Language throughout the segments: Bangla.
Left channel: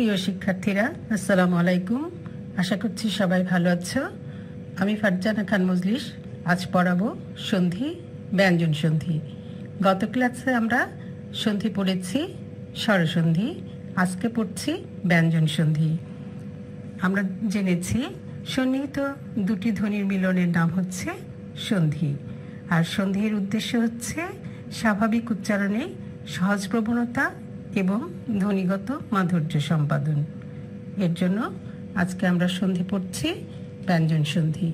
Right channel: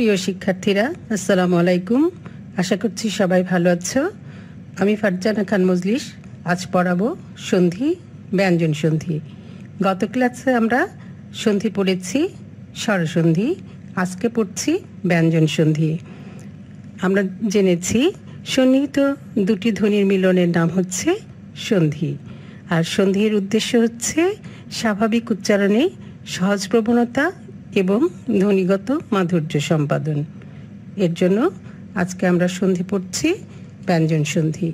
প্রিয় শিক্ষার্থীরা, আসসালামু আলাইকুম। আশা করছি সবাই ভালো আছো। আমি ফারজানা খান মজলিস আজ পড়াবো সন্ধি, ব্যঞ্জন সন্ধি। গত ক্লাসে আমরা সন্ধি পড়েছি, স্বরসন্ধি। আজকে পড়ছি ব্যঞ্জন সন্ধি। আমরা জেনেছি সন্নিহিত দুটি ধ্বনির মিলনের নাম হচ্ছে সন্ধি। আর সন্ধির উদ্দেশ্য হচ্ছে স্বাভাবিক উচ্চারণে সহজ প্রবণতা এবং ধ্বনিগত মাধুর্য সম্পাদন। এর জন্য আজকে আমরা সন্ধি পড়ছি ব্যঞ্জন সন্ধি।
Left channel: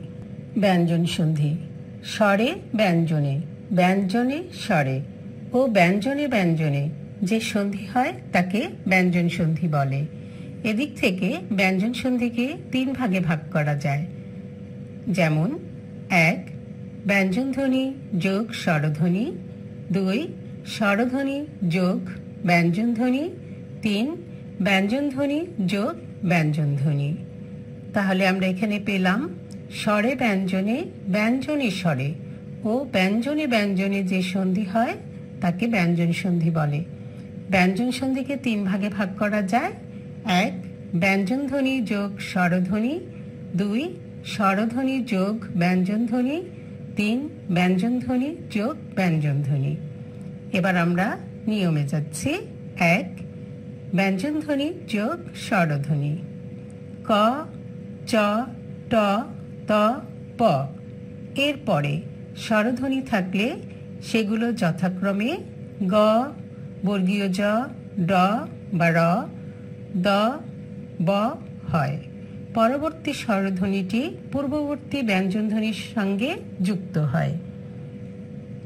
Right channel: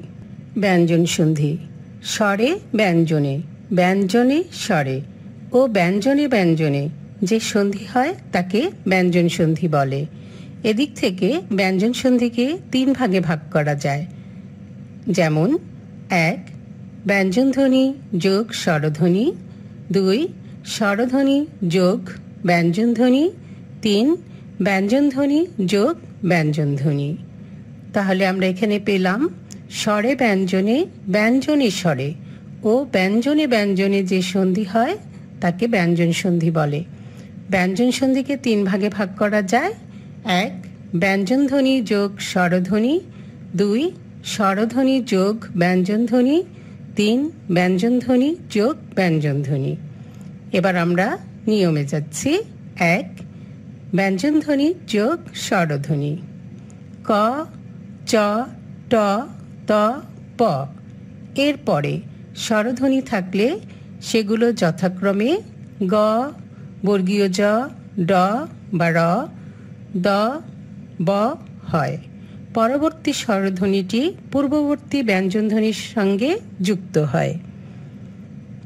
ব্যঞ্জন সন্ধি: স্বরে ব্যঞ্জনে, ব্যঞ্জনে স্বরে ও ব্যঞ্জনে ব্যঞ্জনে যে সন্ধি হয় তাকে ব্যঞ্জন সন্ধি বলে। এদিক থেকে ব্যঞ্জন সন্ধিকে তিন ভাগে ভাগ করা যায়। যেমন 1. ব্যঞ্জনধ্বনি যোগ স্বরধ্বনি, 2. স্বরধ্বনি যোগ ব্যঞ্জনধ্বনি, 3. ব্যঞ্জনধ্বনি যোগ ব্যঞ্জনধ্বনি। তাহলে আমরা এখানে পেলাম স্বরে ব্যঞ্জনে, ব্যঞ্জনে স্বরে ও ব্যঞ্জনে ব্যঞ্জনে যে সন্ধি হয় তাকে ব্যঞ্জন সন্ধি বলে। ব্যঞ্জন সন্ধিকে তিন ভাগে ভাগ করা যায়। 1. ব্যঞ্জনধ্বনি যোগ স্বরধ্বনি, 2. স্বরধ্বনি যোগ ব্যঞ্জনধ্বনি, 3. ব্যঞ্জনধ্বনি যোগ ব্যঞ্জনধ্বনি। এবার আমরা নিয়মে যাচ্ছি। 1. ব্যঞ্জনধ্বনি যোগ স্বরধ্বনি: ক, চ, ট, ত, প। এরপরে স্বরধ্বনি থাকলে সেগুলো যথাক্রমে গ, বর্গীয় জ, ড বা র, দ, ব হয়। পরবর্তী স্বরধ্বনিটি পূর্ববর্তী ব্যঞ্জনধ্বনির সঙ্গে যুক্ত হয়।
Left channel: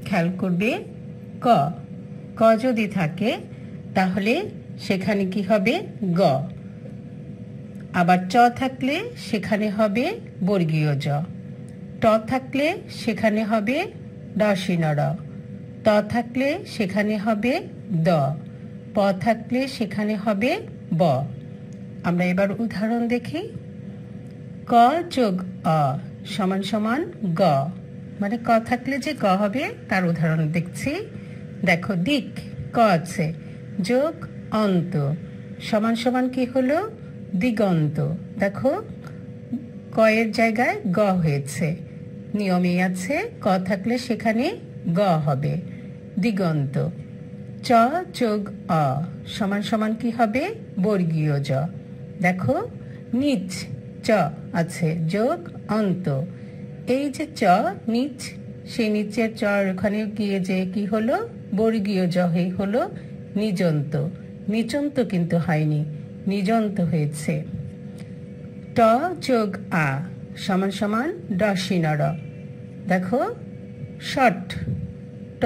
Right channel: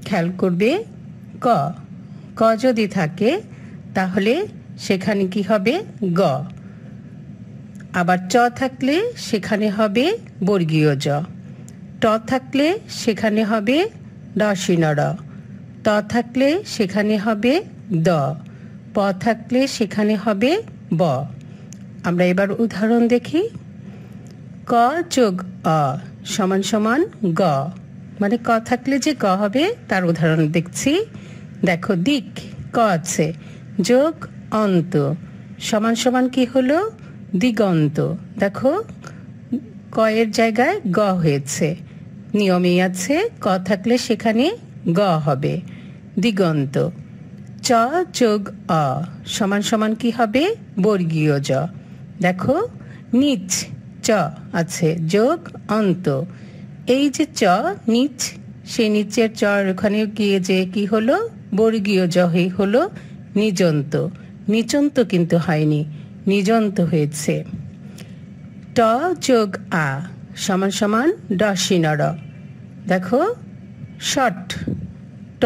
খেয়াল করবে, ক, ক যদি থাকে তাহলে সেখানে কি হবে? গ। আবার চ থাকলে সেখানে হবে বর্গীয় জ, ট থাকলে সেখানে হবে ড়, ত থাকলে সেখানে হবে দ, প থাকলে সেখানে হবে ব। আমরা এবার উদাহরণ দেখি। ক যোগ অ সমান সমান গ, মানে ক থাকলে যে গ হবে তার উদাহরণ দেখছি। দেখো, দিক ক আছে, যোগ অন্ত সমান সমান কি হলো? দিগন্ত। দেখো, ক এর জায়গায় গ হয়েছে। নিয়মে আছে ক থাকলে সেখানে গ হবে, দিগন্ত। চ যোগ অ সমান সমান কি হবে? বর্গীয় জ। দেখো, নিচ চ আছে, যোগ অন্ত। এই যে চ নিচ, সেই নিচের চ ওখানে গিয়ে যে কি হলো? বর্গীয় জ হয়ে হলো নিজন্ত। নিচন্ত কিন্তু হয়নি, নিজন্ত হয়েছে। ট যোগ আ সমান সমান ড়। দেখো, শট ট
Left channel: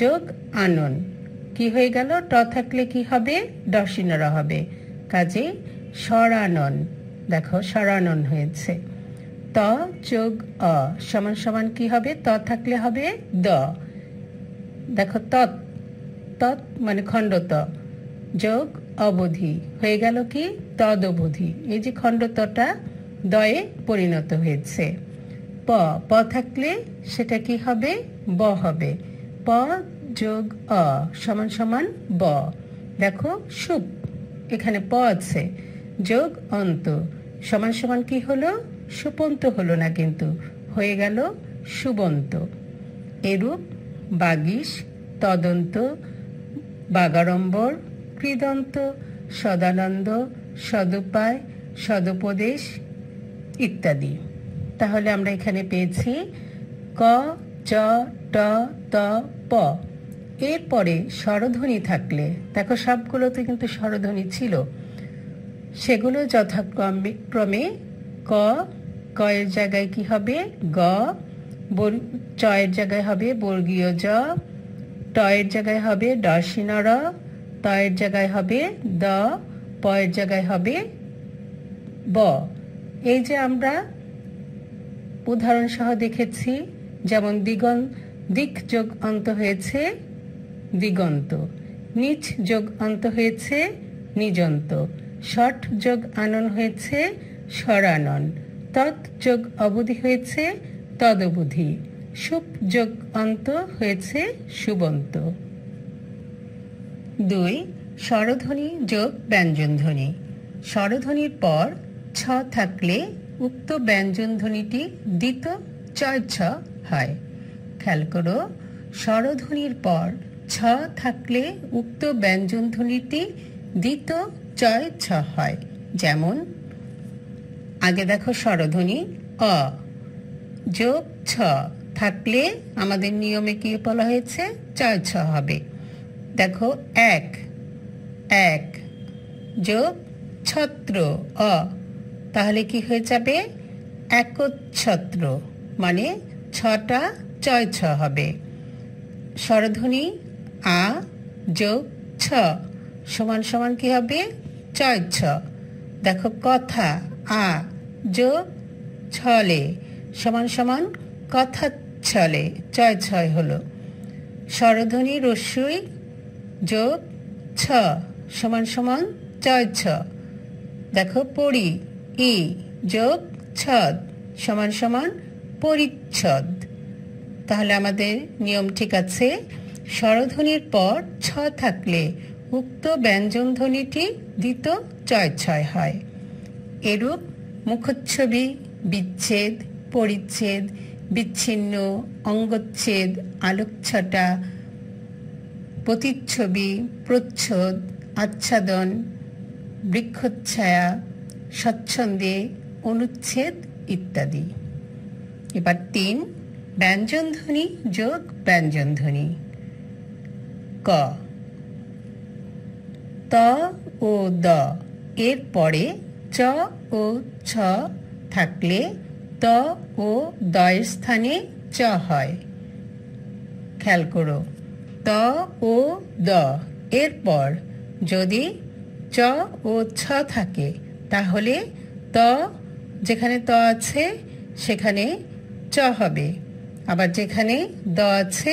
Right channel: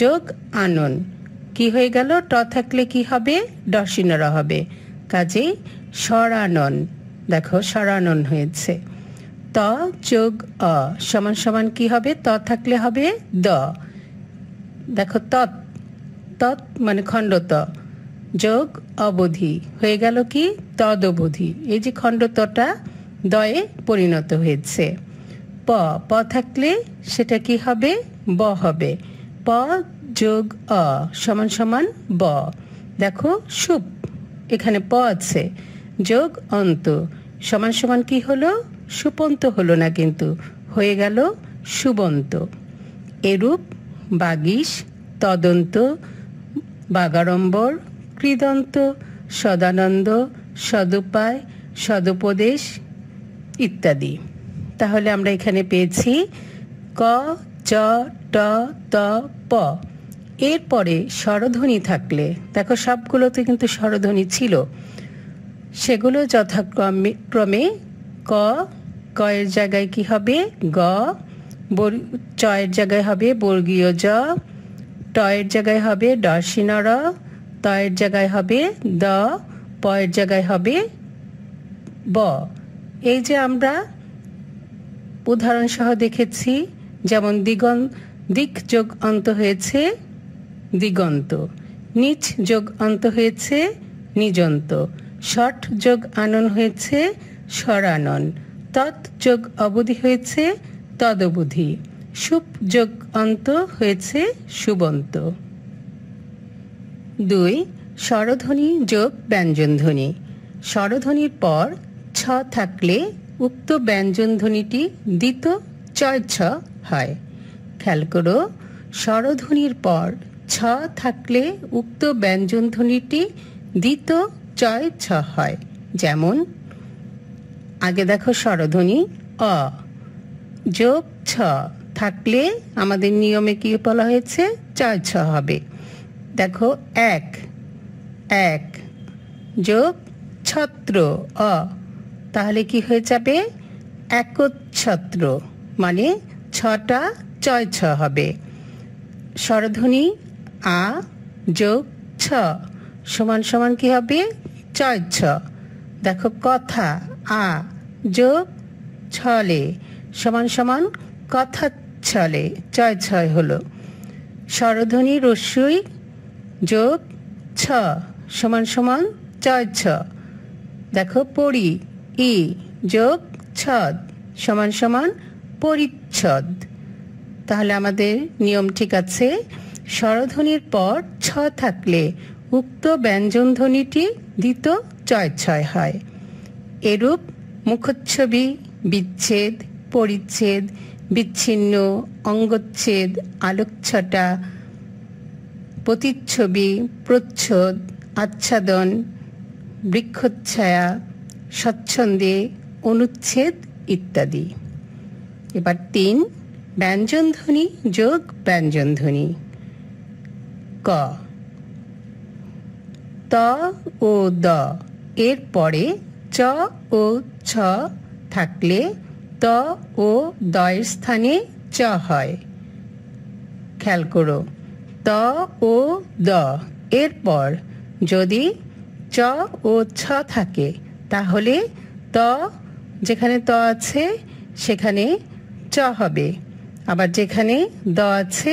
যোগ আনন কি হয়ে গেল? ট থাকলে কি হবে? ড় হবে, কাজেই স্বরানন। দেখো, স্বরানন হয়েছে। ত যোগ অ সমান সমান কি হবে? ত থাকলে হবে দ। দেখো, তৎ তৎ মানে খণ্ডত যোগ অবধি হয়ে গেল কি? তদবধি। এই যে খণ্ডতটা দয়ে পরিণত হয়েছে। প, প থাকলে সেটা কি হবে? ব হবে। প যোগ অ সমান সমান ব। দেখো, সুপ এখানে প আছে, যোগ অন্ত সমান সমান কি হলো? সুপন্ত হলো না, কিন্তু হয়ে গেল সুবন্ত। এরূপ বাগীশ, তদন্ত, বাগাড়ম্বর, কৃদন্ত, সদানন্দ, সদুপায়, সদুপদেশ ইত্যাদি। তাহলে আমরা এখানে পেয়েছি ক, চ, ট, ত, প। এরপরে স্বরধ্বনি থাকলে, দেখো সবগুলোতে কিন্তু স্বরধ্বনি ছিল, সেগুলো যথাক্রমে ক, ক এর জায়গায় কি হবে? গ, চ এর জায়গায় হবে বর্গীয় জ, ট এর জায়গায় হবে ড়, ত এর জায়গায় হবে দ, প এর জায়গায় হবে ব। এই যে আমরা উদাহরণ সহ দেখেছি, যেমন দিক যোগ অন্ত হয়েছে দিগন্ত, নিচ যোগ অন্ত হয়েছে নিজন্ত, ষট যোগ আনন হয়েছে স্বরানন, তৎ যোগ অবধি হয়েছে তদবধি, সুপ যোগ অন্ত হয়েছে সুবন্ত। 2. স্বরধ্বনি যোগ ব্যঞ্জনধ্বনি। স্বরধ্বনির পর ছ থাকলে উক্ত ব্যঞ্জনধ্বনিটি দ্বিত চয় ছ হয়। খেয়াল করো, স্বরধ্বনির পর ছ থাকলে উক্ত ব্যঞ্জনধ্বনিটি দ্বিত চয় ছ হয়। যেমন আগে দেখো স্বরধ্বনি অ যোগ ছ থাকলে আমাদের নিয়মে কি বলা হয়েছে? চয় ছ হবে। দেখো এক এক যোগ ছত্র অ, তাহলে কি হয়ে যাবে? একচ্ছত্র, মানে ছটা চয় ছ হবে। স্বরধ্বনি আ যোগ ছ সমান সমান কি হবে? চয় ছ। দেখো কথা আ যোগ ছলে সমান সমান কথা ছলে, চয় ছয় হলো। স্বরধ্বনি রস্যই যোগ ছ সমান সমান চয় ছ। দেখো পরি ই যোগ ছদ সমান সমান পরিচ্ছদ। তাহলে আমাদের নিয়ম ঠিক আছে। স্বরধ্বনির পর ছ থাকলে উক্ত ব্যঞ্জনধ্বনিটি দ্বিত চয় ছয় হয়। এরূপ মুখচ্ছবি, বিচ্ছেদ, পরিচ্ছেদ, বিচ্ছিন্ন, অঙ্গচ্ছেদ, আলোকছটা, প্রতিচ্ছবি, প্রচ্ছদ, আচ্ছাদন, বৃক্ষচ্ছায়া, স্বচ্ছন্দে, অনুচ্ছেদ ইত্যাদি। এবার ৩ ব্যঞ্জনধ্বনি যোগ ব্যঞ্জনধ্বনি। ক ত ও দ এর পরে চ ও ছ থাকলে ত ও দ এর স্থানে চ হয়। খেয়াল করো, ত ও দ এরপর যদি চ ও ছ থাকে তাহলে ত, যেখানে ত আছে সেখানে চ হবে, আবার যেখানে দ আছে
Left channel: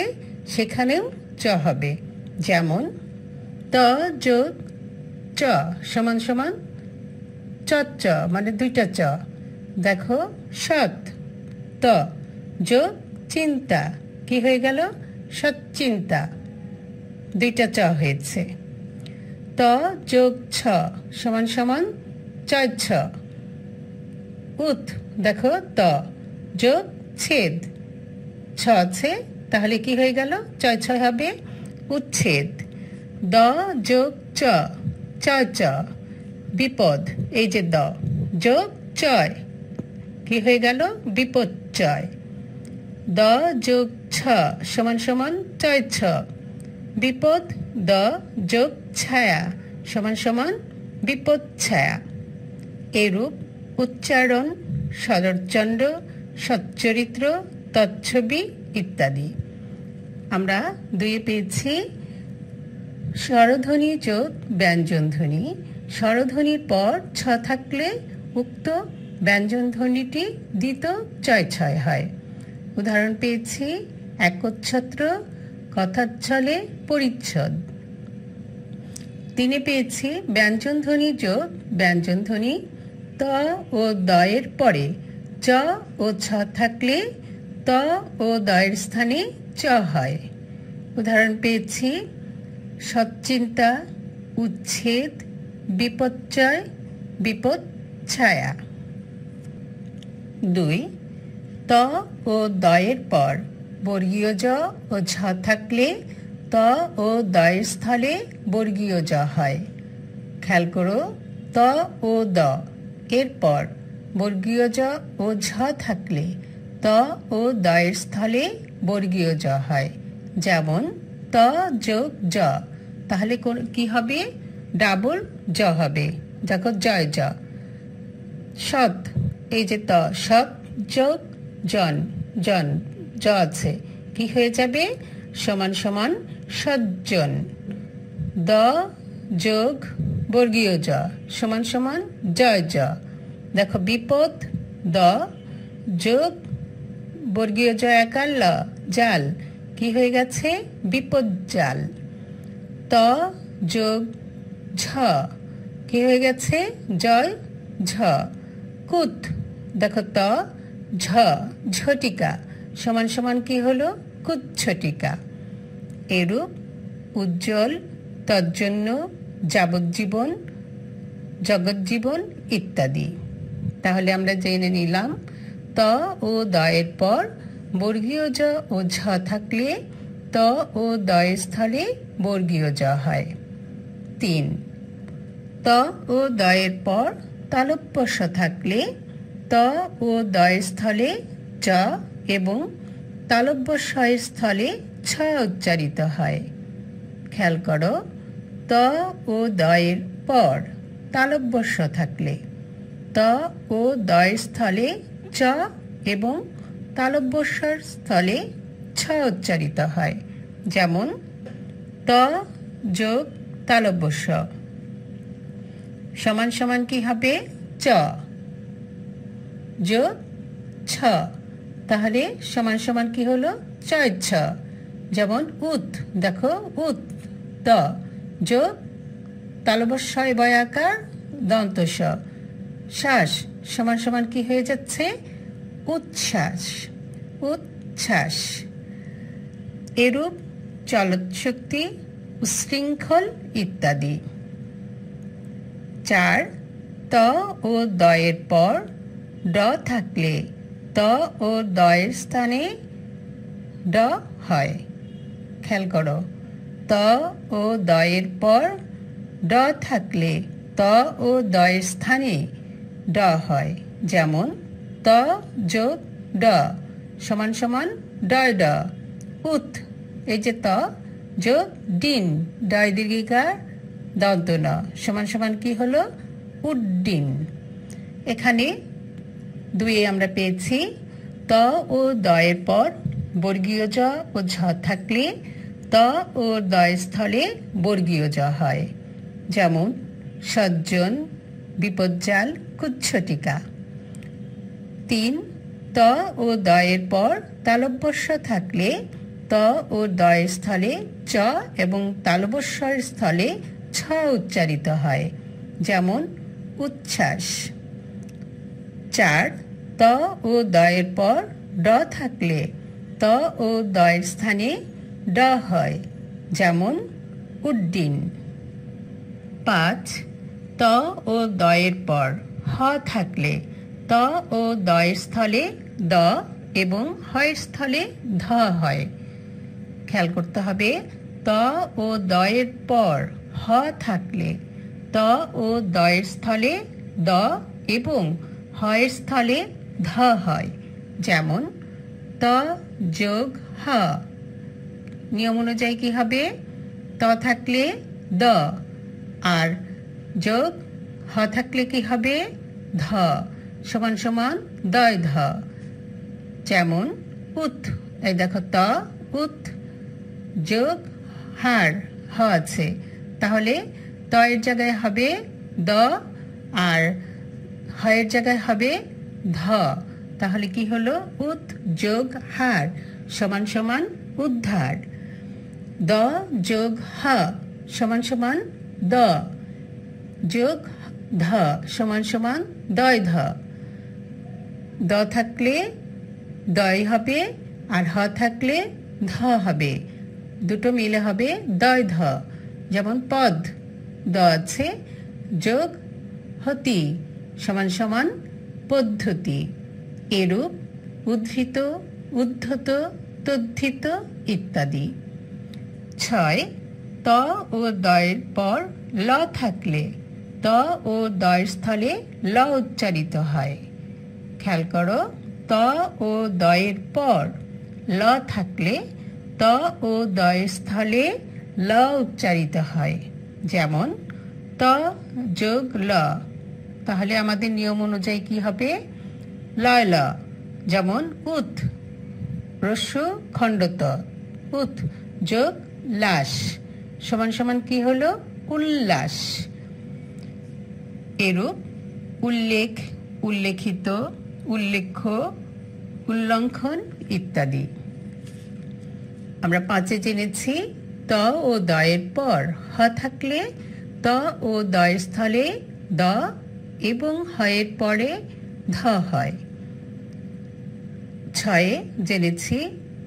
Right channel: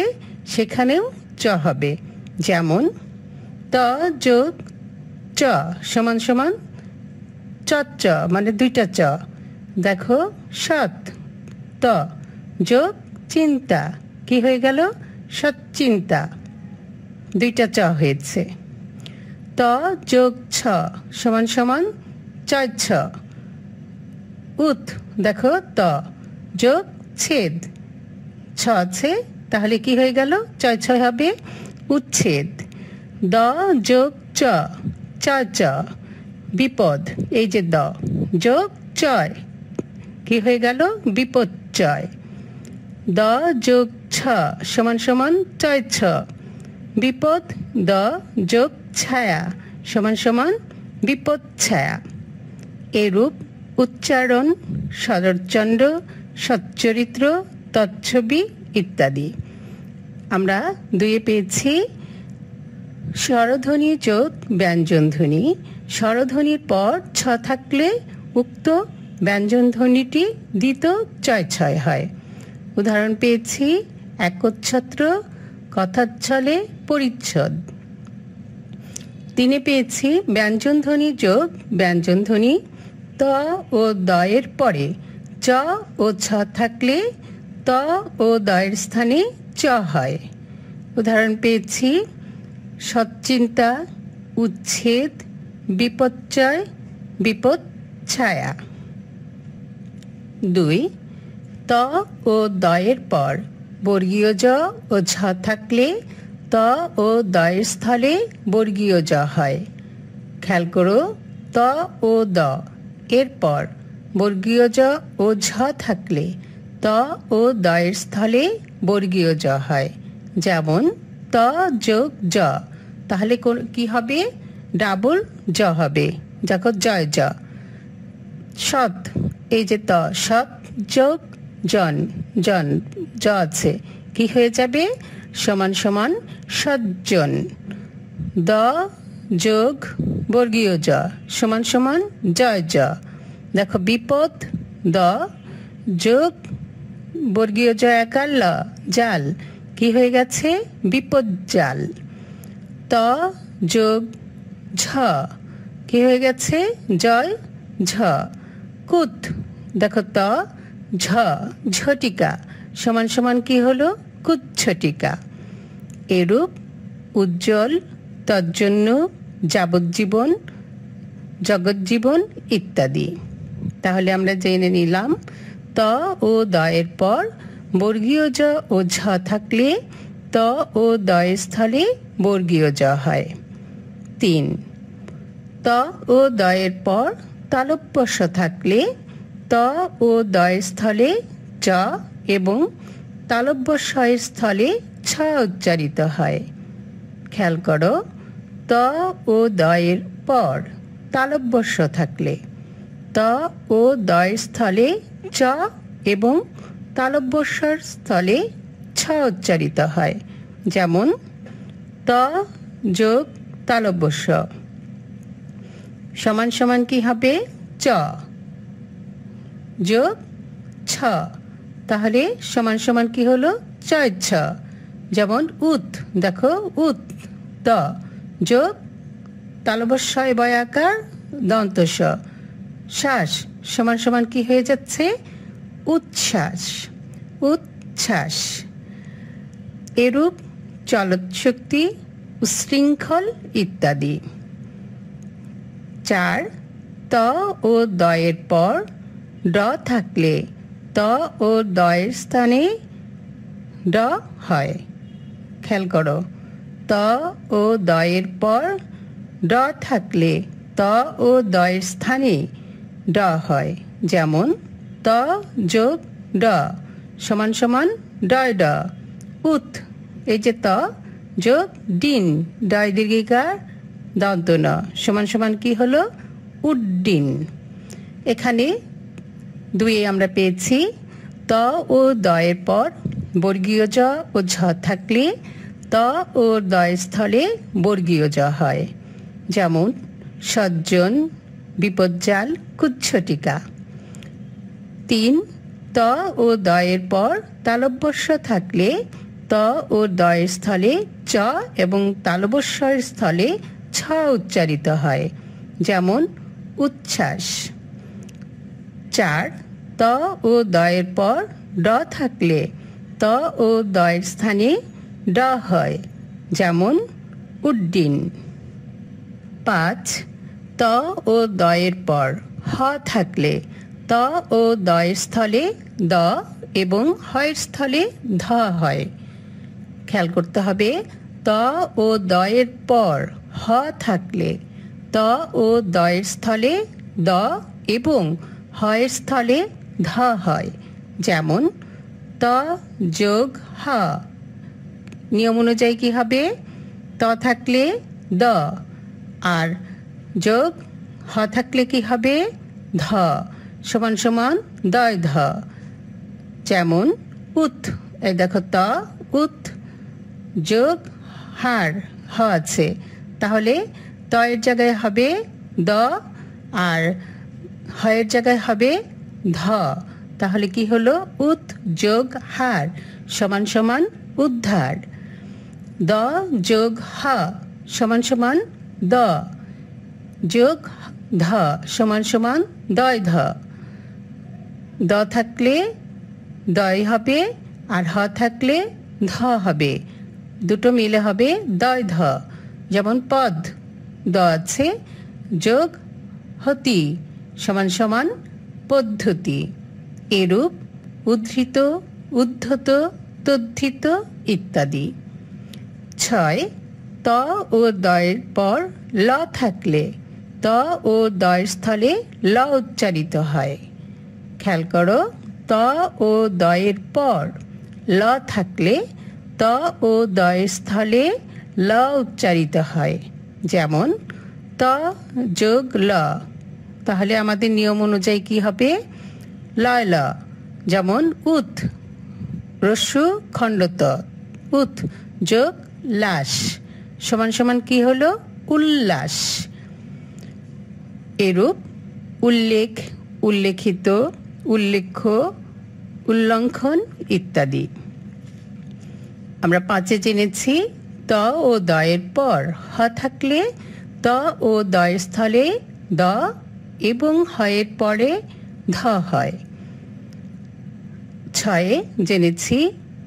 সেখানেও চ হবে। যেমন ত যোগ চ সমান সমান চ, মানে দুইটা চ। দেখো সৎ ত যোগ চিন্তা কি হয়ে গেল? সৎচিন্তা, দুইটা চ হয়েছে। ত যোগ ছ সমান সমান চয় ছ। উত দেখো ত যোগ ছেদ ছ আছে, তাহলে কি হয়ে গেল? চয় ছ হবে, উচ্ছেদ। দ যোগ চ চয় চ। বিপদ, এই যে দ যোগ চয় কি হয়ে গেল? বিপদচয়। দ যোগ ছ সমান সমান চয় ছ। বিপদ দ যোগ ছায়া সমান সমান বিপদ ছায়া। এরূপ উচ্চারণ, সদরচন্ড, সচ্চরিত্র, তচ্ছবি ইত্যাদি। আমরা ২ পেয়েছি স্বরধ্বনি যোগ ব্যঞ্জনধ্বনি। স্বরধ্বনির পর ছ থাকলে উক্ত ব্যঞ্জনধ্বনিটি দ্বিত চয় ছয় হয়। উদাহরণ পেয়েছি একচ্ছত্র, কথাচ্ছলে, পরিচ্ছদ। ৩ পেয়েছি ব্যঞ্জনধ্বনি যোগ ব্যঞ্জনধ্বনি। ত ও দ এর পরে চ ও ছ থাকলে ত ও দ এর স্থানে চ হয়। উদাহরণ পেয়েছি সৎচিন্তা, উচ্ছেদ, বিপদচয়, বিপদ ছায়া। ২ ত ও দ এর পর বর্গীয় জ ও ঝ থাকলে ত ও দ এর স্থলে বর্গীয় জ হয়। খেয়াল করো, ত ও দ এরপর বর্গীয় জ ও ঝ থাকলে ত ও দ এর স্থলে বর্গীয় জ হয়। যেমন ত যোগ জ, তাহলে কি হবে? ডাবল জ হবে, দেখো জয় জ। সৎ, এই যে ত সৎ যোগ জন, জন জ আছে, কি হয়ে যাবে? সমান সমান সজ্জন। দ যোগ বর্গীয় জ সমান সমান জয় জ। দেখো বিপদ দ যোগ বর্গীয় জ একার ল জাল, কি হয়ে গেছে? বিপদ জাল। ত যোগ ঝ কি হয়ে গেছে? জয় ঝ। কুত, দেখো ত ঝ ঝটিকা সমান সমান কি হলো? কুচ্ছটিকা। এরূপ উজ্জ্বল, তজ্জন্য, যাবজ্জীবন, জগজ্জীবন ইত্যাদি। তাহলে আমরা জেনে নিলাম ত ও দয়ের পর বর্গীয় জ ও ঝ থাকলে ত ও দয়ের স্থলে বর্গীয় জ হয়। 3, ত ও দয়ের পর তালব্য স থাকলে ত ও দয়ের স্থলে চ এবং তালব্য স এর স্থলে ছ উচ্চারিত হয়। খেয়াল করো, ত ও দয়ের পর তালব্য স থাকলে ত ও দয়ের স্থলে চ এবং তালব্য স্বর স্থলে ছ উচ্চারিত হয়। যেমন ত যোগ তালব্য স সমান সমান কি হবে? চ যোগ ছ। তাহলে সমান সমান কি হলো? চয় ছ। যেমন উত, দেখো উত ত যোগ তালব্য স বয়াকার দন্ত স শ্বাস সমান সমান কি হয়ে যাচ্ছে? উচ্ছ্বাস, উচ্ছ্বাস। এরূপ চলৎ শক্তি, উশৃঙ্খল ইত্যাদি। 4, ত ও দয়ের পর ড থাকলে ত ও দয়ের স্থানে ড হয়। খেয়াল করো, ত ও দয়ের পর ড থাকলে ত ও দয়ের স্থানে ড হয়। যেমন ত যোগ ড সমান সমান ডয় ড। উত, এই যে ত যোগ ডিন ডয় দীর্ঘিকার দন্ত ন সমান সমান কি হলো? উড্ডিন। এখানে 2 আমরা পেয়েছি ত ও দয়ের পর বর্গীয় জ ও ঝ থাকলে ত ও দয়ের স্থলে বর্গীয় জ হয়। যেমন সজ্জন, বিপজ্জাল, কুচ্ছটিকা। 3, ত ও দয়ের পর তালব্য স থাকলে ত ও দয়ের স্থলে চ এবং তালব্য স্বরের স্থলে ছ উচ্চারিত হয়। যেমন উচ্ছ্বাস। 4, ত ও দয়ের পর ড থাকলে ত ও দয়ের স্থানে ড হয়। যেমন উড্ডিন। 5, ত ও দয়ের পর হ থাকলে ত ও দয়ের স্থলে দ এবং হয়ের স্থলে ধ হয়। খেয়াল করতে হবে, ত ও দয়ের পর হ থাকলে ত ও দয়ের স্থলে দ এবং হয়ের স্থলে ধ হয়। যেমন ত যোগ হ, নিয়ম অনুযায়ী কি হবে? ত থাকলে দ আর যোগ হ থাকলে কি হবে? ধ সমান সমান দয় ধ। যেমন উত, এই দেখো ত উত যোগ হার হ আছে, তাহলে ত এর জায়গায় হবে দ আর হ এর জায়গায় হবে ধ। তাহলে কি হলো? উত যোগ হার সমান সমান উদ্ধার। দ যোগ হ সমান সমান দ যোগ ধ সমান সমান দয় ধ। দ থাকলে দয় হবে আর হ থাকলে ধ হবে, দুটো মিলে হবে দয় ধ। যেমন পদ দ আছে যোগ হতি সমান সমান পদ্ধতি। এরূপ উদ্ধৃত, উদ্ধত, তদ্ধিত ইত্যাদি। 6, ত ও দয়ের পর ল থাকলে ত ও দয়ের স্থলে ল উচ্চারিত হয়। খেয়াল করো, ত ও দয়ের পর ল থাকলে ত ও দয়ের স্থলে ল উচ্চারিত হয়। যেমন ত যোগ ল, তাহলে আমাদের নিয়ম অনুযায়ী কি হবে? লয় ল। যেমন উত রস্যু খণ্ডত উত যোগ লাস সমান সমান কি হলো? উল্লাস। এরূপ উল্লেখ, উল্লেখিত, উল্লেখ্য, উল্লঙ্ঘন ইত্যাদি। আমরা 5 জেনেছি ত ও দয়ের পর হ থাকলে ত ও দয়ের স্থলে দ এবং হয়ের পরে ধ হয়। 6 জেনেছি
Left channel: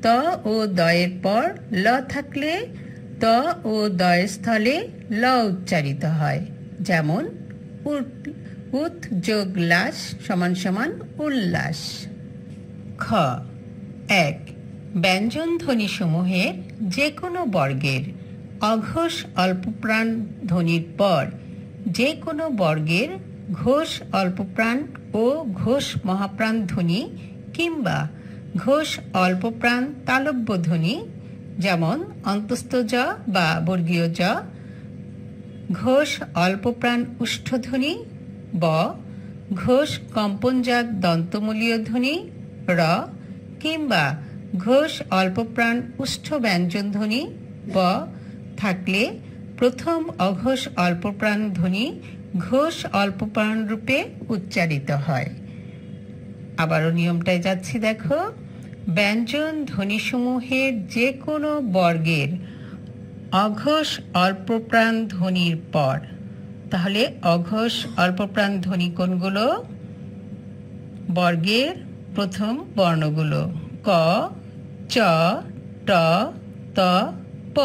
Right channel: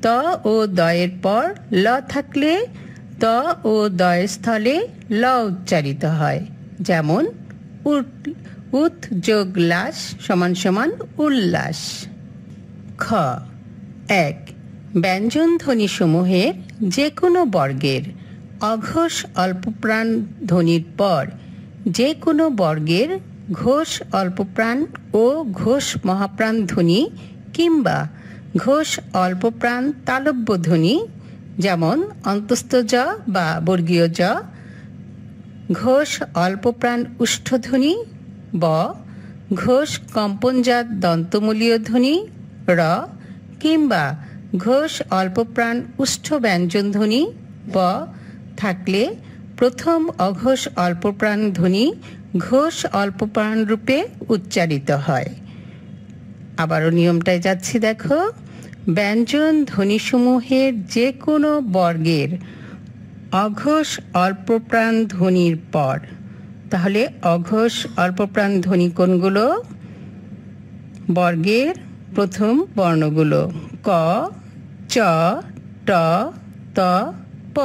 ত ও দয়ের পর ল থাকলে ত ত ও দয় স্থলে ল উচ্চারিত হয়। যেমন উত যোগ লাস সমান সমান উল্লাস। খ ১ ব্যঞ্জন ধ্বনি সমূহের যে কোনো বর্গের অঘোষ অল্পপ্রাণ ধ্বনির পর যে কোনো বর্গের ঘোষ অল্পপ্রাণ ও ঘোষ মহাপ্রাণ ধ্বনি কিংবা ঘোষ অল্পপ্রাণ তালব্য ধ্বনি, যেমন অন্তস্থ জ বা বর্গীয় জ, ঘোষ অল্পপ্রাণ উষ্ঠধ্বনি ব, ঘোষ কম্পনজাত দন্তমূলীয় ধ্বনি র কিংবা ঘোষ অল্পপ্রাণ উষ্ঠ ব্যঞ্জন ধ্বনি ব থাকলে প্রথম অঘোষ অল্পপ্রাণ ধ্বনি ঘোষ অল্পপ্রাণ রূপে উচ্চারিত হয়। আবারও নিয়মটায় যাচ্ছি, দেখো। ব্যঞ্জন ধ্বনিসমূহের যে কোনো বর্গের অঘোষ অল্পপ্রাণ ধ্বনির পর, তাহলে অঘোষ অল্পপ্রাণ ধ্বনি কোনগুলো? বর্গের প্রথম বর্ণগুলো ক, চ, ট, ত, প।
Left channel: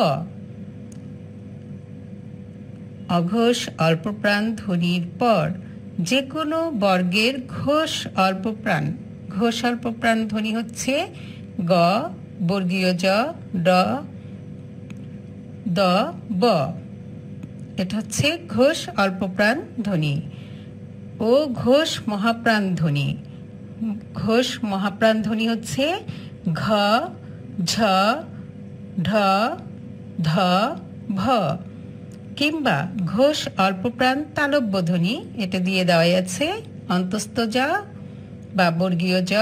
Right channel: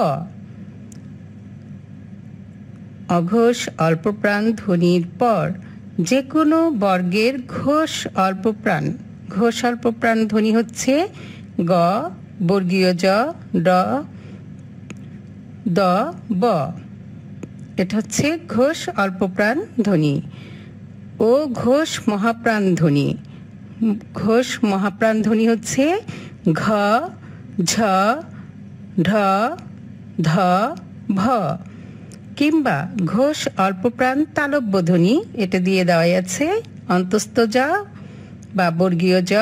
অঘোষ অল্পপ্রাণ ধ্বনির পর যে কোনো বর্গের ঘোষ অল্পপ্রাণ ধ্বনি হচ্ছে গ, বর্গীয় জ, ড, দ, ব। এটা হচ্ছে ঘোষ অল্পপ্রাণ ধ্বনি। ও ঘোষ মহাপ্রাণ ধ্বনি, ঘোষ মহাপ্রাণ ধ্বনি হচ্ছে ঘ, ঝ, ঢ, ধ, ভ। কিংবা ঘোষ অল্পপ্রাণ তালব্য ধ্বনি, এটা দিয়ে দেওয়া আছে অন্তস্থ জ বা বর্গীয় জ,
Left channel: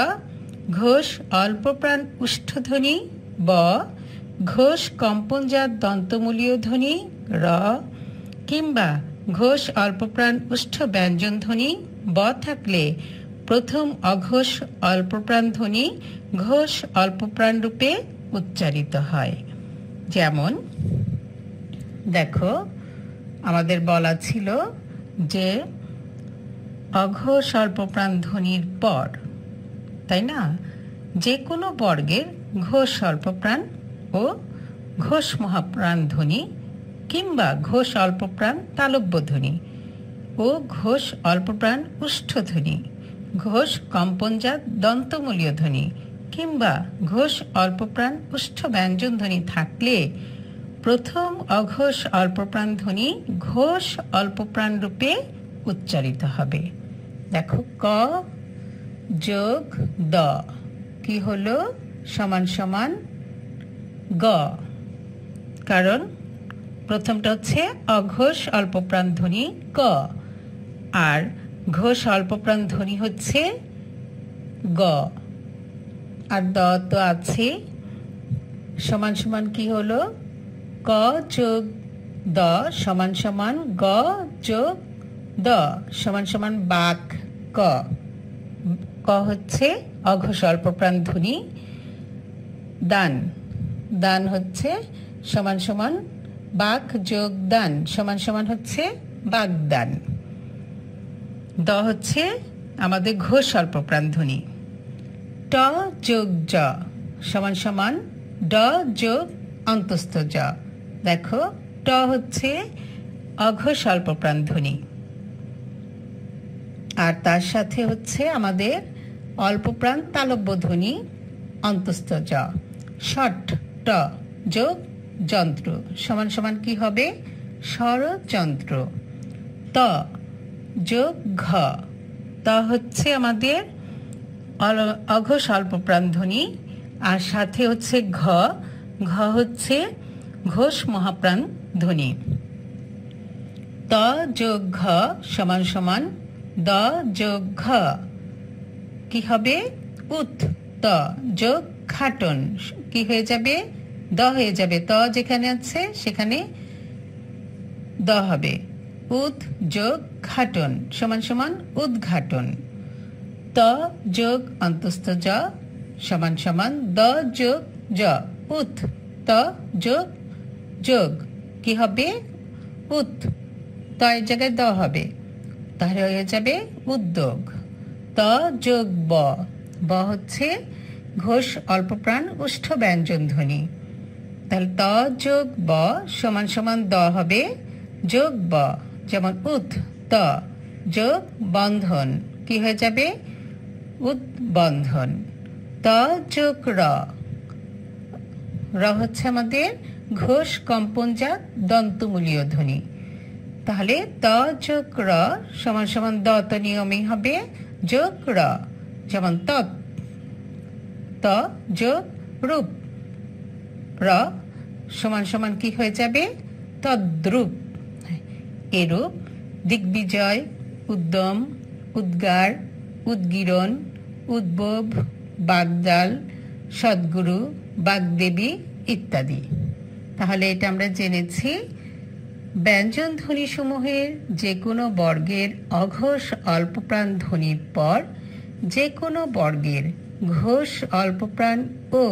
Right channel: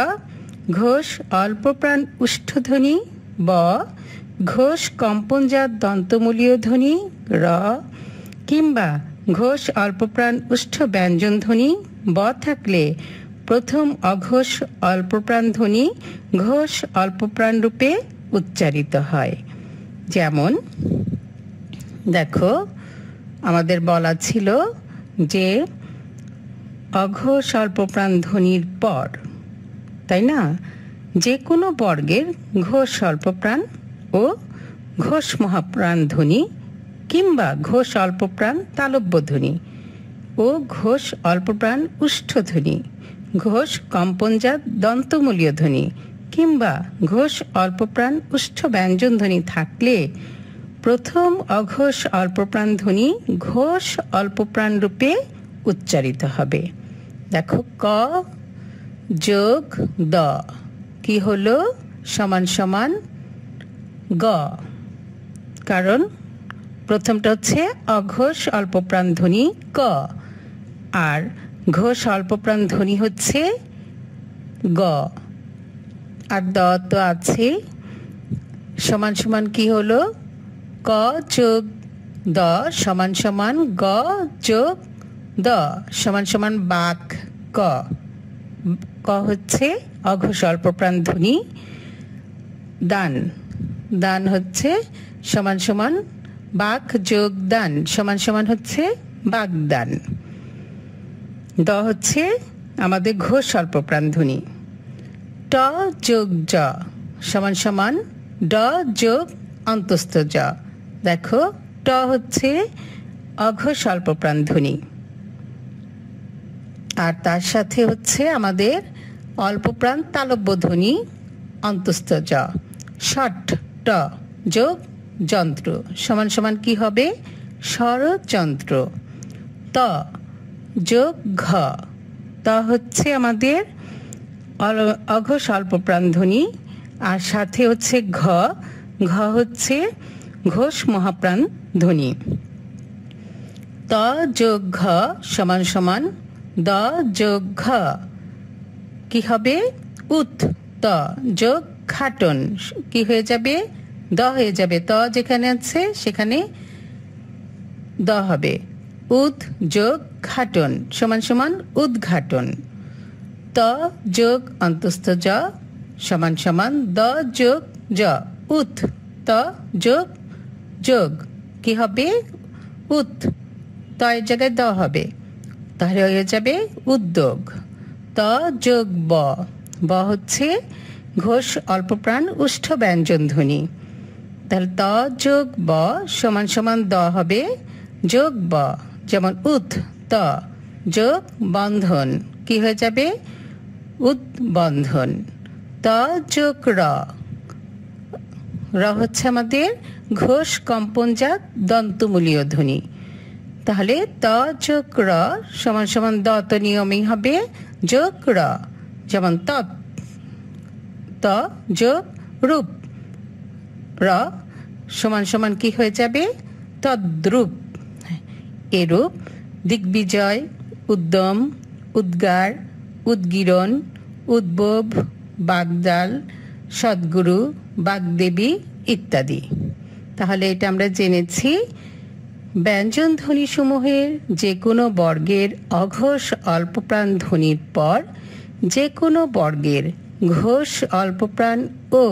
ঘোষ অল্পপ্রাণ উষ্ঠধ্বনি ব, ঘোষ কম্পনজাত দন্তমূলীয় ধ্বনি র কিংবা ঘোষ অল্পপ্রাণ উষ্ঠ ব্যঞ্জন ধ্বনি ব থাকলে প্রথম অঘোষ অল্পপ্রাণ ধ্বনি ঘোষ অল্পপ্রাণ রূপে উচ্চারিত হয়। যেমন দেখো, আমাদের বলা ছিল যে অঘোষ অল্পপ্রাণ ধ্বনির পর, তাই না, যে কোনো বর্গের ঘোষ অল্পপ্রাণ ও ঘোষ মহাপ্রাণ ধ্বনি কিংবা ঘোষ অল্পপ্রাণ তালব্য ধ্বনি ও ঘোষ অল্পপ্রাণ উষ্ঠধ্বনি, ঘোষ কম্পনজাত দন্তমূলীয় ধ্বনি কিংবা ঘোষ অল্পপ্রাণ উষ্ঠ ব্যঞ্জন ধ্বনি থাকলে প্রথম অঘোষ অল্পপ্রাণ ধ্বনি ঘোষ অল্পপ্রাণ রূপে উচ্চারিত হবে। দেখো, ক যোগ দ কি হলো? সমান সমান গ, কারণ প্রথমটা হচ্ছে অঘোষ অল্পপ্রাণ ধ্বনি ক আর ঘোষ অল্পপ্রাণ ধ্বনি হচ্ছে গ, আর দ তো আছে। সমান সমান কি হলো? ক যোগ দ সমান সমান গ যোগ দ সমান সমান বাক ক। ক হচ্ছে অঘোষ অল্পপ্রাণ ধ্বনি, দান, দান হচ্ছে সমান সমান বাক যোগ দান সমান সমান হচ্ছে বাগদান। দ হচ্ছে আমাদের ঘোষ অল্পপ্রাণ ধ্বনি। ট যোগ জ সমান সমান ড যোগ অন্তস্থ জ। দেখো, ট হচ্ছে অঘোষ অল্পপ্রাণ ধ্বনি আর তার সাথে হচ্ছে আমাদের অল্পপ্রাণ তালব্য ধ্বনি অন্তস্থ জ। ষট ট যোগ যন্ত্র সমান সমান কি হবে? ষড়যন্ত্র। ত যোগ ঘ, ত হচ্ছে আমাদের অঘোষ অল্পপ্রাণ ধ্বনি আর সাথে হচ্ছে ঘ, ঘ হচ্ছে ঘোষ মহাপ্রাণ ধ্বনি। ত যোগ ঘ সমান সমান দ যোগ ঘ কি হবে? উত। ত যোগ ঘাটন কি হয়ে যাবে? দ হয়ে যাবে। ত যেখানে আছে সেখানে দ হবে। উদ যোগ ঘাটন সমান সমান উদ্ঘাটন। ত যোগ অন্তস্থ জ সমান সমান দ যোগ জ উত। ত যোগ যোগ কি হবে? উত। ত এর জায়গায় দ হবে, তাহলে হয়ে যাবে উদ্যোগ। ত যোগ ব, ব হচ্ছে ঘোষ অল্পপ্রাণ উষ্ঠ ব্যঞ্জন ধ্বনি। ত তাহলে ত যোগ ব সমান সমান দ হবে যোগ ব, যেমন উৎ ত যোগ বন্ধন কি হয়ে যাবে উদ্বন্ধন। ত যোগ র, র হচ্ছে আমাদের ঘোষ কম্পনজাত দন্তমূলীয় ধ্বনি। তাহলে ত যোগ র সমান সমান দ তো নিয়মেই হবে যোগ র, যেমন তৎ। ত যোগ রূপ, র সমান সমান কি হয়ে যাবে তদ্রূপ। এরূপ দিগ্বিজয়, উদ্যম, উদ্গার, উদ্গীরণ, উদ্ভব, বাগদাল, সদ্গুরু, বাগদেবী ইত্যাদি। তাহলে এটা আমরা জেনেছি ব্যঞ্জন ধ্বনি সমূহের যে কোনো বর্গের অঘোষ অল্পপ্রাণ ধ্বনির পর যে কোনো বর্গের ঘোষ অল্পপ্রাণ ও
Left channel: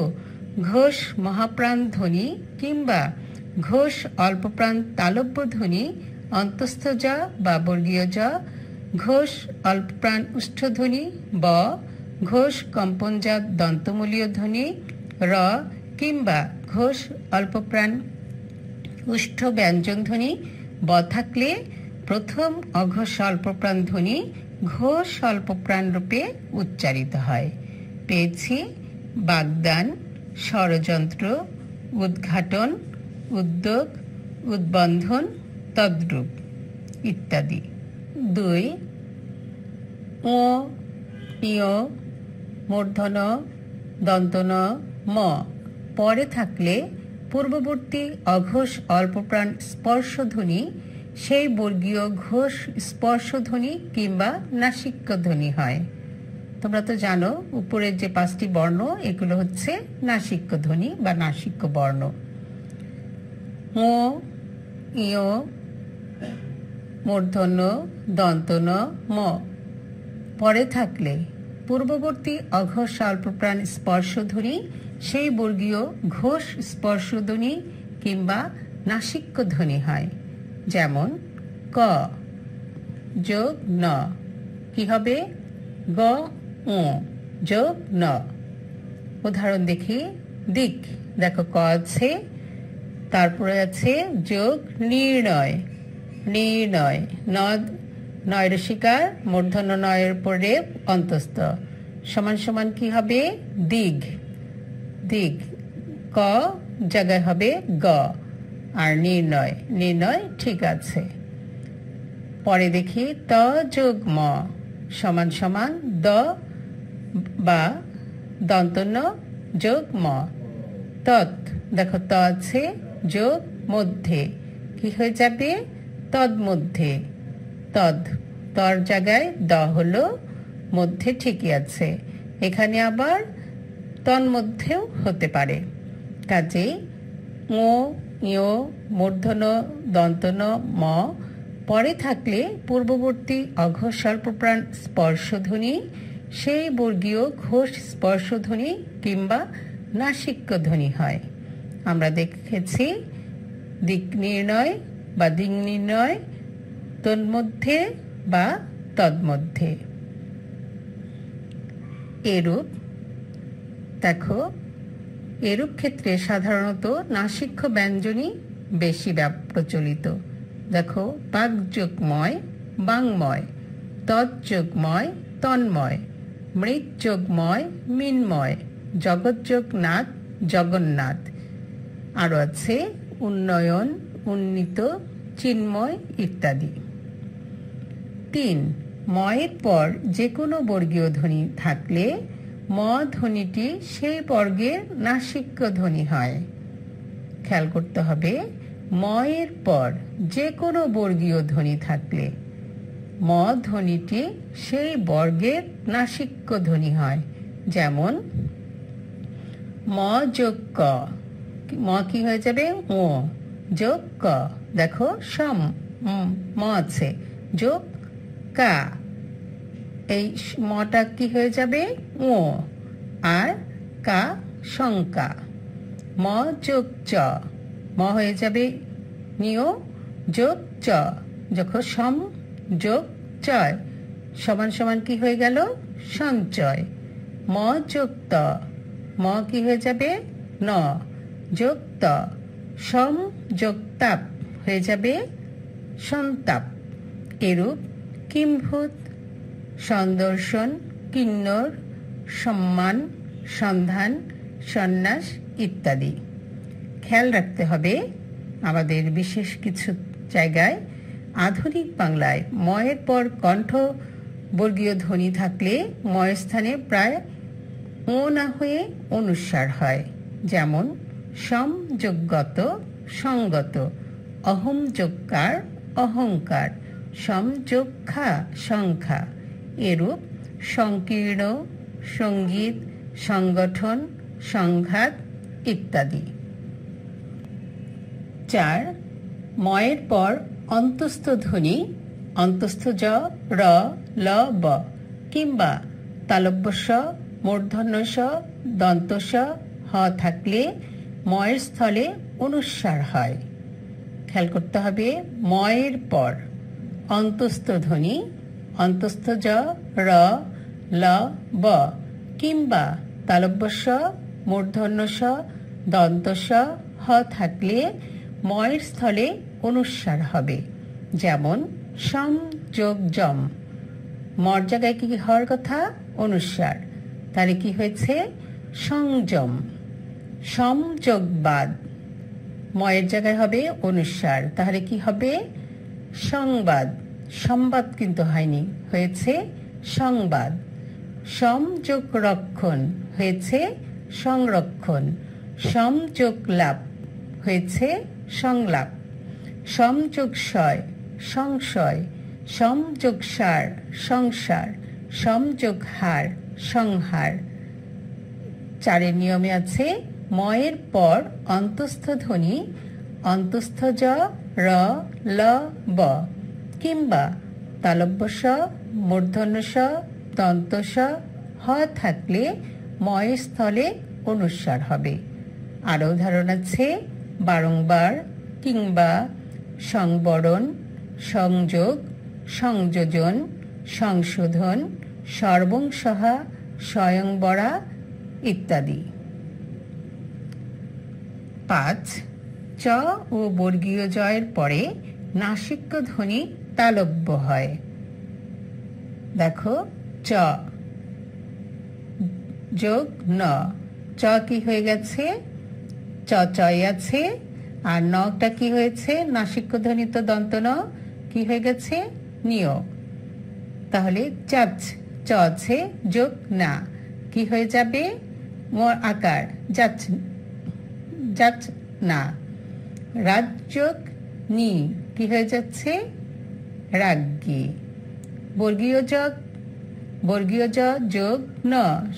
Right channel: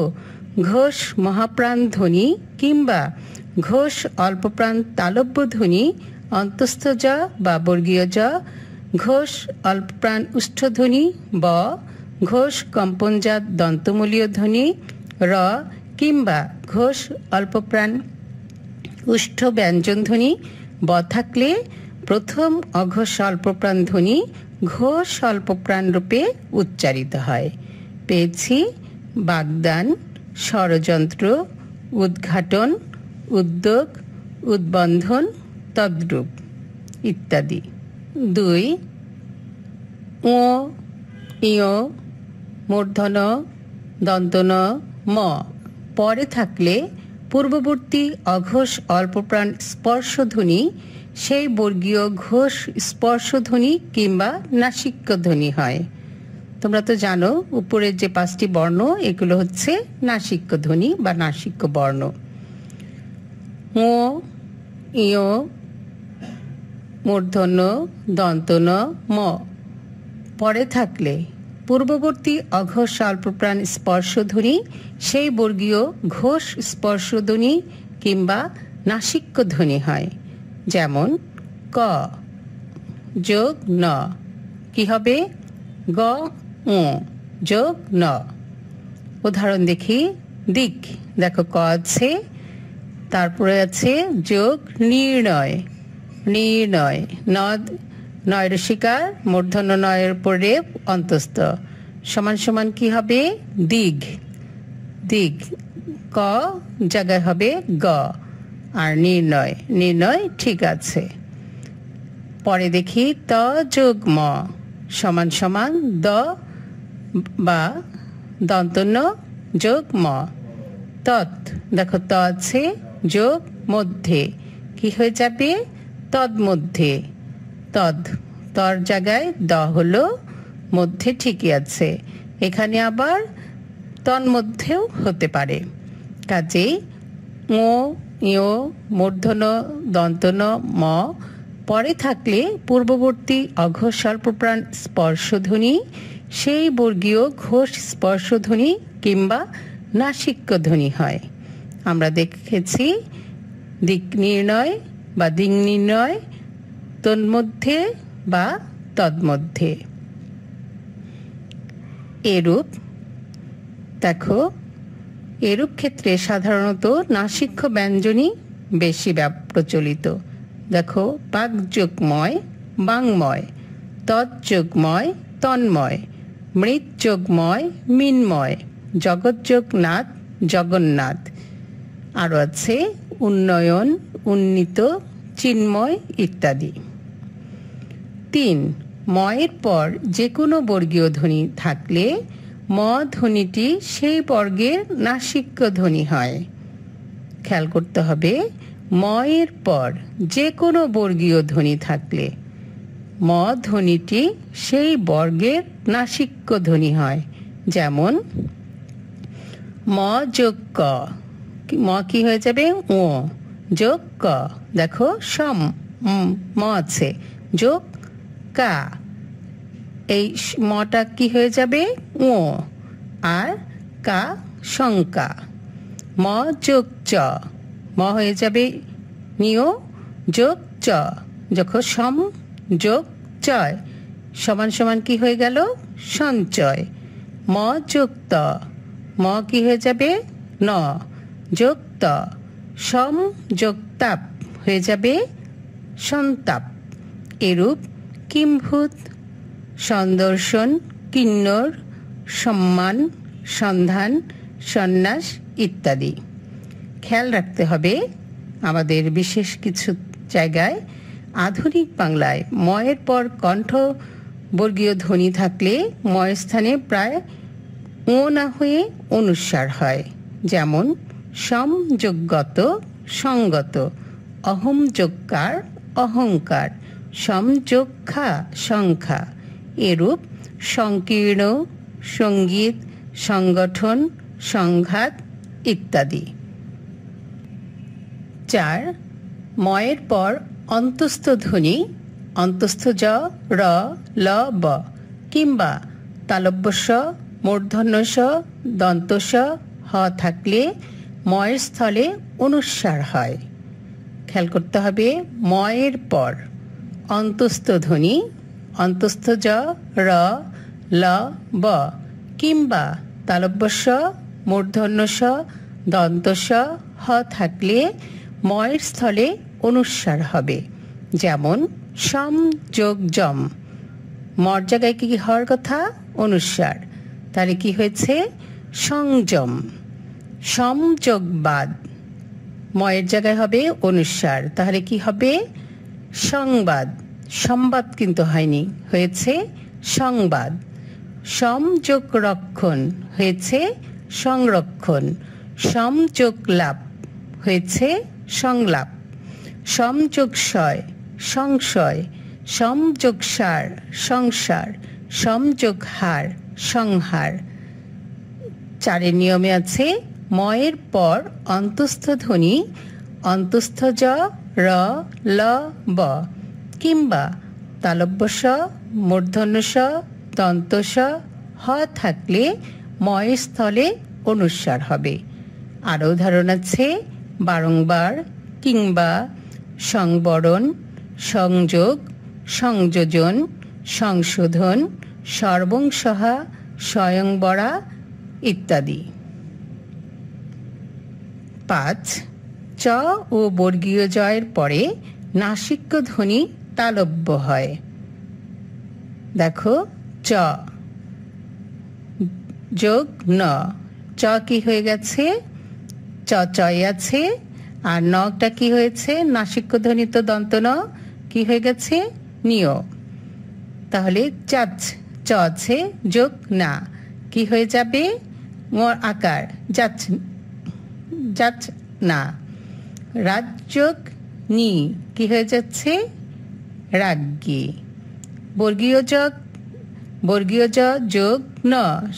ঘোষ মহাপ্রাণ ধ্বনি কিংবা ঘোষ অল্পপ্রাণ তালব্য ধ্বনি অন্তস্থ জ বা বর্গীয় জ, ঘোষ অল্পপ্রাণ উষ্ঠধ্বনি ব, ঘোষ কম্পনজাত দন্তমূলীয় ধ্বনি র কিংবা ঘোষ অল্পপ্রাণ উষ্ঠ ব্যঞ্জন ধ্বনি ব থাকলে প্রথম অঘোষ অল্পপ্রাণ ধ্বনি ঘোষ অল্পপ্রাণ রূপে উচ্চারিত হয়। পেয়েছি বাগদান, ষড়যন্ত্র, উদ্ঘাটন, উদ্যোগ, উদ্বন্ধন, তদ্রূপ ইত্যাদি। 2 ও ইয় মূর্ধন দন্তন ম পরে থাকলে পূর্ববর্তী অঘোষ অল্পপ্রাণ স্পর্শধ্বনি সেই বর্গীয় ঘোষ স্পর্শধ্বনি কিংবা নাসিক্য ধ্বনি হয়। তোমরা তো জানো উপরের যে 5টি বর্ণ এগুলো হচ্ছে নাসিক্য ধ্বনি বা নাসিক্য বর্ণ। ও ইয় মূর্ধন্য দন্তন ম পরে থাকলে পূর্ববর্তী অঘোষ অল্পপ্রাণ স্পর্শধ্বনি সেই বর্গীয় ঘোষ স্পর্শধ্বনি কিংবা নাসিক্য ধ্বনি হয়। যেমন ক যোগ ন কি হবে গ যোগ ন। উদাহরণ দেখি, দিক দেখো ক আছে, তারপরে আছে যোগ নির্ণয়, নির্ণয় নদ নয় ঋষিকার মূর্ধন্য নয়ের উপর রেপ অন্তস্থ সমান সমান কি হবে দিগ, দিগ ক জায়গায় হবে গ, আর নির্ণয়, নির্ণয় ঠিক আছে। পরে দেখি ত যোগ ম সমান সমান দ বা দন্তন্য যোগ ম। তৎ দেখো ত আছে যোগ মধ্যে কি হয়ে যাবে তন্মধ্যে, তদ তর জায়গায় দ হলো মধ্যে ঠিকই আছে, এখানে আবার তন্মধ্যেও হতে পারে। কাজেই ও ইয় মূর্ধন্য দন্তন ম পরে থাকলে পূর্ববর্তী অঘোষ স্বল্পপ্রাণ স্পর্শধ্বনি সেই বর্গীয় ঘোষ স্পর্শধ্বনি কিংবা নাসিক্য ধ্বনি হয়। আমরা দেখেছি দিক নির্ণয় বা দিক নির্ণয় তন্মধ্যে বা তন্মধ্যে। এরূপ দেখো এরূপ ক্ষেত্রে সাধারণত নাসিক্য ব্যঞ্জনই বেশি প্রচলিত। দেখো বাগযোগময় বাংময়, তৎযোগময় তন্ময়, মৃৎযোগময় মিন্ময়, জগৎযোগনাথ জগন্নাথ। আরো আছে উন্নয়ন, উন্নীত, চিন্ময় ইত্যাদি। 3 ময়ের পর যে কোনো বর্গীয় ধ্বনি থাকলে ম ধ্বনিটি সেই বর্গের নাসিক্য ধ্বনি হয়। খেয়াল করতে হবে ময়ের পর যে কোনো বর্গীয় ধ্বনি থাকলে ম ধ্বনিটি সেই বর্গের নাসিক্য ধ্বনি হয়। যেমন ম যোগ ক, ম কি হয়ে যাবে ও যোগ ক, দেখো সম ম আছে যোগ কা, এই মটা কি হয়ে যাবে ও, আর কা শঙ্কা। ম যোগ চ, ম হয়ে যাবে নিয় যোগ চ, যখন সম যোগ চয় সমান সমান কি হয়ে গেল সঞ্চয়। ম যোগ ত, ম কি হয়ে যাবে ন যোগ ত, ত, সম যোগ তাপ হয়ে যাবে সন্তাপ। এরূপ কিম্ভূত, সন্দর্শন, কিন্নর, সম্মান, সন্ধান, সন্ন্যাস ইত্যাদি। খেয়াল রাখতে হবে আমাদের বিশেষ কিছু জায়গায় আধুনিক বাংলায় ময়ের পর কণ্ঠ বর্গীয় ধ্বনি থাকলে ময় স্থানে প্রায় ও না হয়ে অনুস্বার হয়। যেমন সমযোগগত, সঙ্গত, অহম যোগকার, অহংকার, সমযোগখা, সংখ্যা। এরূপ সংকীর্ণ, সঙ্গীত, সংগঠন, সংঘাত ইত্যাদি। 4. ময়ের পর অন্তস্থ ধ্বনি অন্তস্থ জ, র, ল, ব কিংবা তালব্য স, মূর্ধন্য স, দন্ত স, হ থাকলে ময়ের স্থলে অনুস্বার হয়। খেয়াল করতে হবে ময়ের পর অন্তস্থ ধ্বনি অন্তস্থ জ, র, ল, ব কিংবা তালব্য স, মূর্ধন্য স, দন্ত স, হ থাকলে ময়ের স্থলে অনুস্বার হবে। যেমন সম যোগ জম, মর জায়গায় কি হওয়ার কথা? অনুস্বার। তাহলে কি হয়েছে? সংযম। সমযোগবাদ, ময়ের জায়গায় হবে অনুস্বার, তাহলে কি হবে? সংবাদ। সংবাদ কিন্তু হয়নি, হয়েছে সংবাদ। সমযোগ রক্ষণ হয়েছে সংরক্ষণ। সমযোগ লাভ হয়েছে সংলাপ। সমযোগশয় সংশয়। সমযোগসার সংসার। সমযোগহার সংহার। 4 নিয়মে আছে ময়ের পর অন্তস্থ ধ্বনি অন্তস্থ জ, র, ল, ব কিংবা তালব্য স, মূর্ধন্য স, দন্ত স, হ থাকলে ময়ের স্থলে অনুস্বার হবে। আরও উদাহরণ আছে বারংবার, কিংবা, সংবরণ, সংযোগ, সংযোজন, সংশোধন, সর্বংসহা, স্বয়ংবরা ইত্যাদি। 5. চ ও বর্গীয় জয়ের পরে নাসিক্য ধ্বনি তালব্য হয়। দেখো চ যোগ ন, চ কি হয়ে গেছে? চ চয় আছে, আর নটা কি হয়েছে? নাসিক্য ধ্বনি তো দন্ত ন, কি হয়ে গেছে? নিয়। তাহলে চাচ, চ আছে যোগ না, কি হয়ে যাবে? মর আকার, যাচ, যাচ না। রাজযোগ নি, কি হয়ে যাচ্ছে? রাজ্ঞী। বর্গীয় যোগ, বর্গীয় জ যোগ ন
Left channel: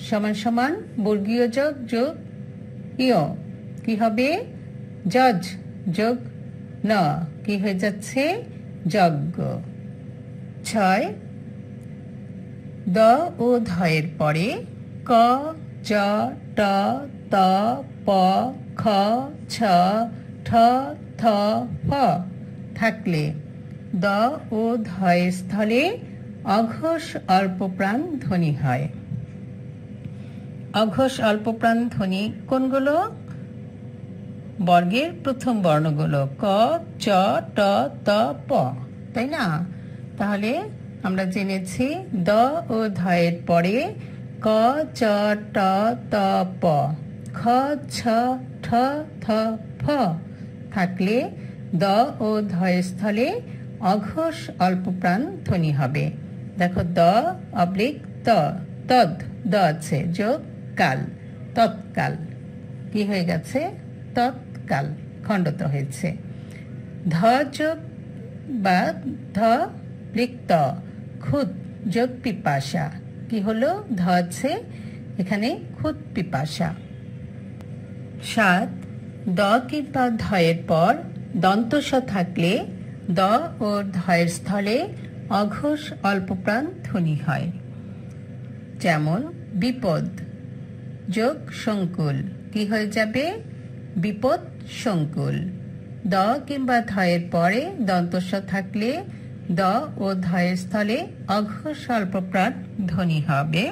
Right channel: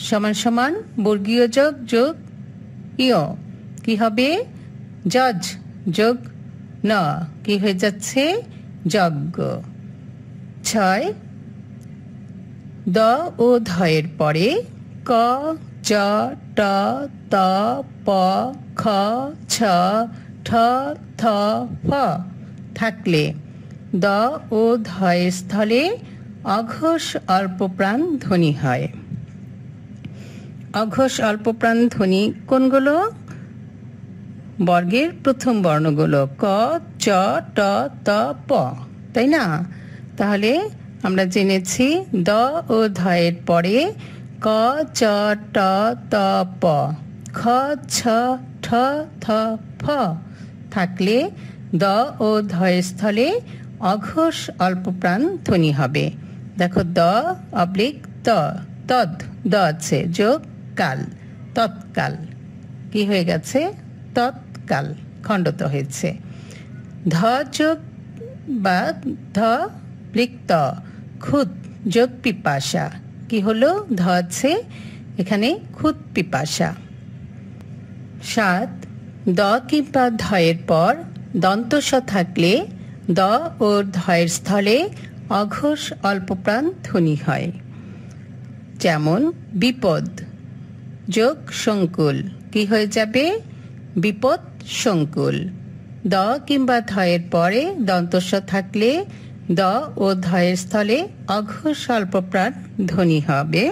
সমান সমান বর্গীয় যোগ যোগ ইয়, কি হবে? জজ যোগ ন, কি হয়ে যাচ্ছে? যজ্ঞ। 6. দ ও ধয়ের পরে ক, চ, ট, ত, প, খ, ছ, ঠ, থ, ফ থাকলে দ ও ধয়ের স্থলে অঘোষ অল্পপ্রাণ ধ্বনি হয়। অঘোষ অল্পপ্রাণ ধ্বনি কোনগুলো? বর্গের প্রথম বর্ণগুলো ক, চ, ট, ত, প, তাই না? তাহলে আমরা জেনেছি দ ও ধয়ের পরে ক, চ, ট, ত, প, খ, ছ, ঠ, থ, ফ থাকলে দ ও ধয়ের স্থলে অঘোষ অল্পপ্রাণ ধ্বনি হবে। দেখো দ অবলিক ত, তদ, দ আছে যোগ কাল, তৎকাল, কি হয়ে গেছে? তৎকাল, খণ্ডত হয়েছে। ধ যোগ বা ধ লিক্ত, খুদ যোগ পিপাসা, কি হলো? ধ আছে এখানে খুদ পিপাসা। 7. দ কিংবা ধয়ের পর দন্তস থাকলে দ ও ধয়ের স্থলে অঘোষ অল্পপ্রাণ ধ্বনি হয়। যেমন বিপদ যোগ সংকুল, কি হয়ে যাবে? বিপদ সংকুল। দ কিংবা ধয়ের পরে দন্তস থাকলে দ ও ধয়ের স্থলে অঘোষ অল্পপ্রাণ ধ্বনি হবে।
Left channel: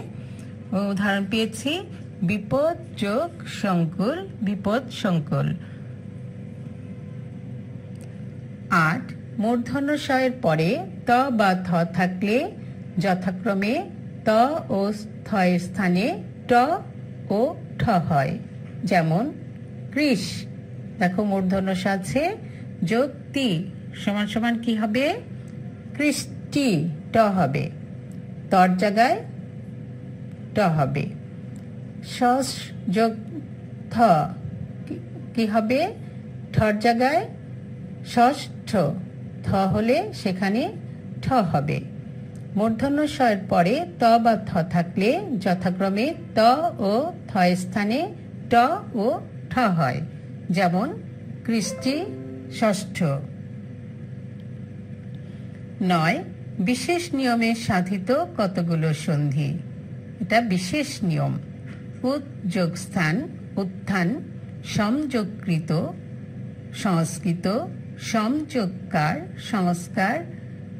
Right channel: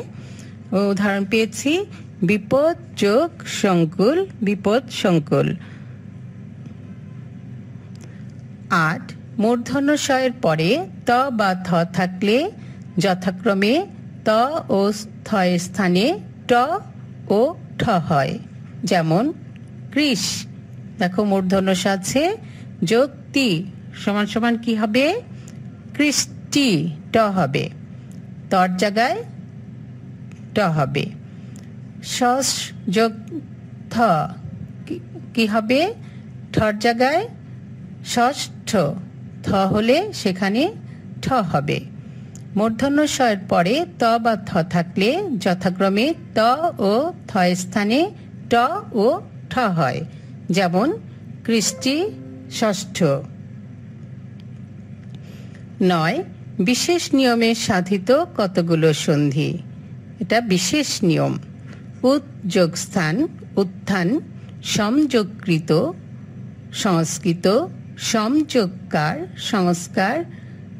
উদাহরণ পেয়েছি বিপদ যোগ সংকুল, বিপদ সংকুল। মূর্ধন্য ষয়ের পরে ত বা থ থাকলে যথাক্রমে ত ও থ এর স্থানে ট ও ঠ হয়। যেমন কৃষ, দেখো মূর্ধন্য ষ আছে, যোগ তি সমান সমান কি হবে? কৃষ্টি, ট হবে। তর জায়গায় ট হবে। ষষ্ঠ যোগ থ কি হবে? ঠর জায়গায় ষষ্ঠ, থ হলে সেখানে ঠ হবে। মূর্ধন্য ষয়ের পরে ত বা থ থাকলে যথাক্রমে ত ও থ স্থানে ট ও ঠ হয়। যেমন কৃষ্টি, ষষ্ঠ। 9. বিশেষ নিয়মে সাধিত কতগুলো সন্ধি। এটা বিশেষ নিয়ম। উৎ যোগ স্থান উত্থান, সমযোগকৃত সংস্কৃত, সমযোগকার সংস্কার,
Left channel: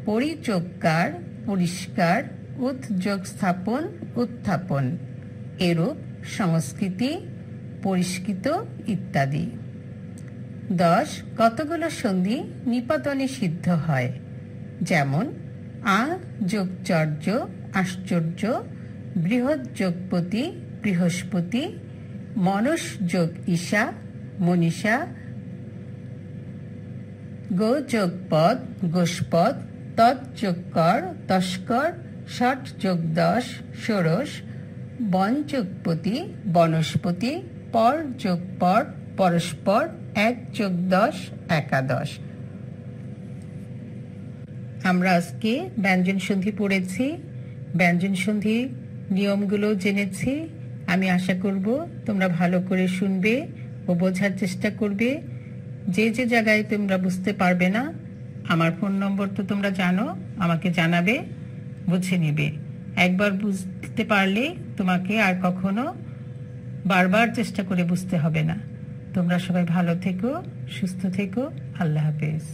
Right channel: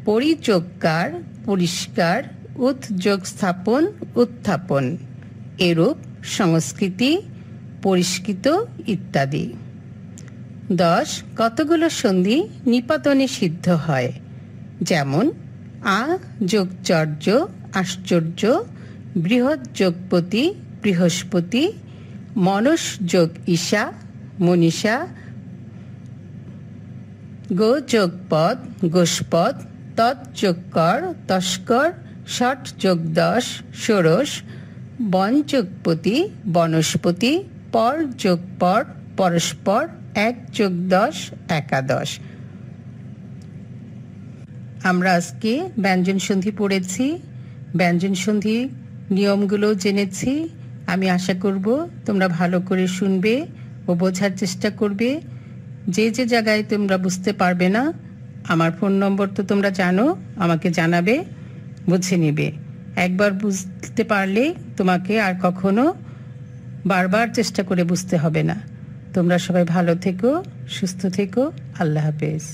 পরিযোগকার পরিষ্কার, উৎ যোগ স্থাপন উত্থাপন, এরূপ সংস্কৃতি, পরিষ্কৃত ইত্যাদি। 10. কতগুলো সন্ধি নিপাতনে সিদ্ধ হয়। যেমন আ যোগ চর্য আশ্চর্য, বৃহৎ যোগপতি বৃহস্পতি, মনস যোগ ঈশা মনীষা, গো যোগ পদ গোষ্পদ, তৎ যোগ কর তস্কর, ষট যোগ 10 ষোড়শ, বন যোগপতি বনস্পতি, পর যোগ পর পরস্পর, 1 যোগ 10 একাদশ। আমরা আজকে ব্যঞ্জন সন্ধি পড়েছি, ব্যঞ্জন সন্ধি নিয়মগুলো জেনেছি। আমি আশা করব তোমরা ভালো করে শুনবে ও বোঝার চেষ্টা করবে। যে যে জায়গায় তোমরা বুঝতে পারবে না, আমার ফোন নম্বর তো তোমরা জানো, আমাকে জানাবে, বুঝে নেবে। একবার বুঝতে পারলে তোমাকে আর কখনো বারবার চেষ্টা করে বুঝতে হবে না। তোমরা সবাই ভালো থেকো, সুস্থ থেকো। আল্লাহ হাফেজ।